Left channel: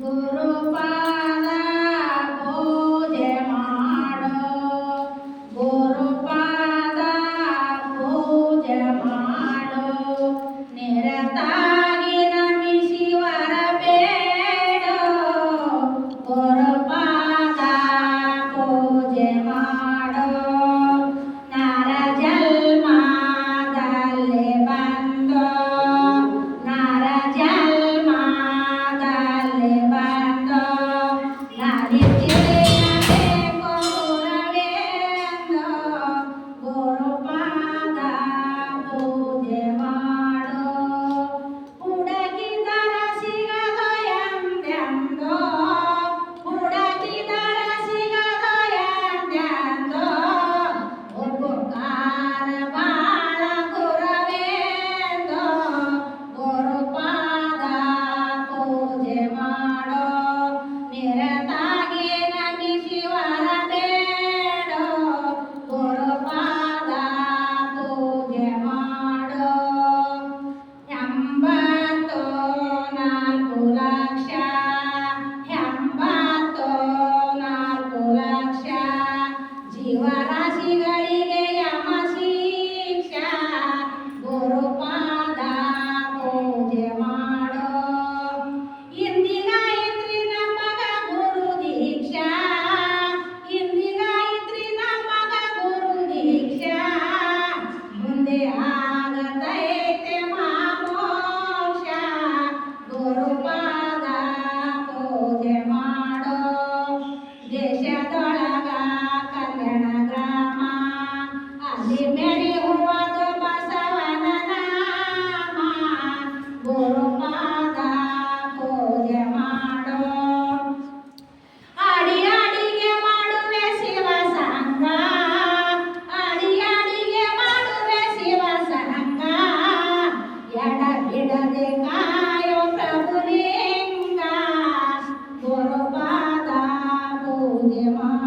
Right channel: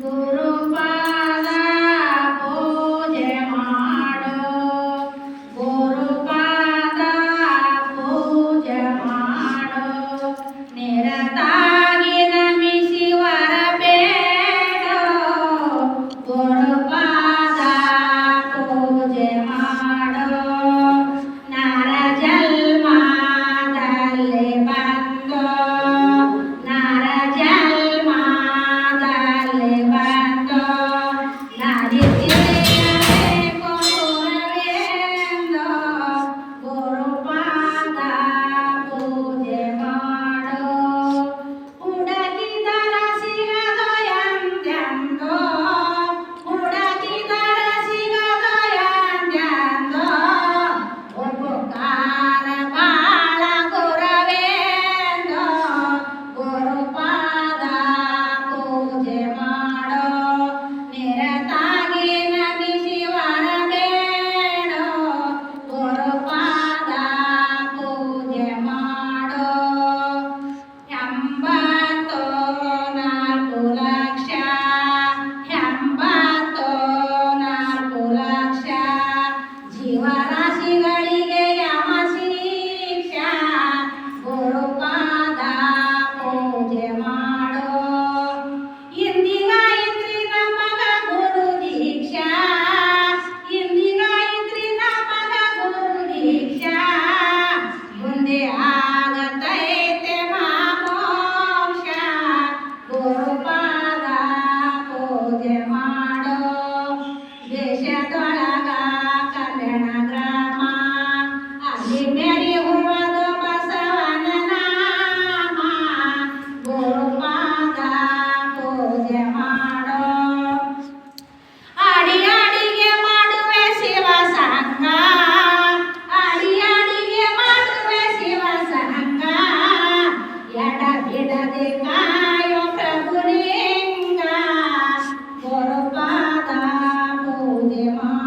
Guru. ಶಿವರಾಶಿಗಳ ജയമാണ്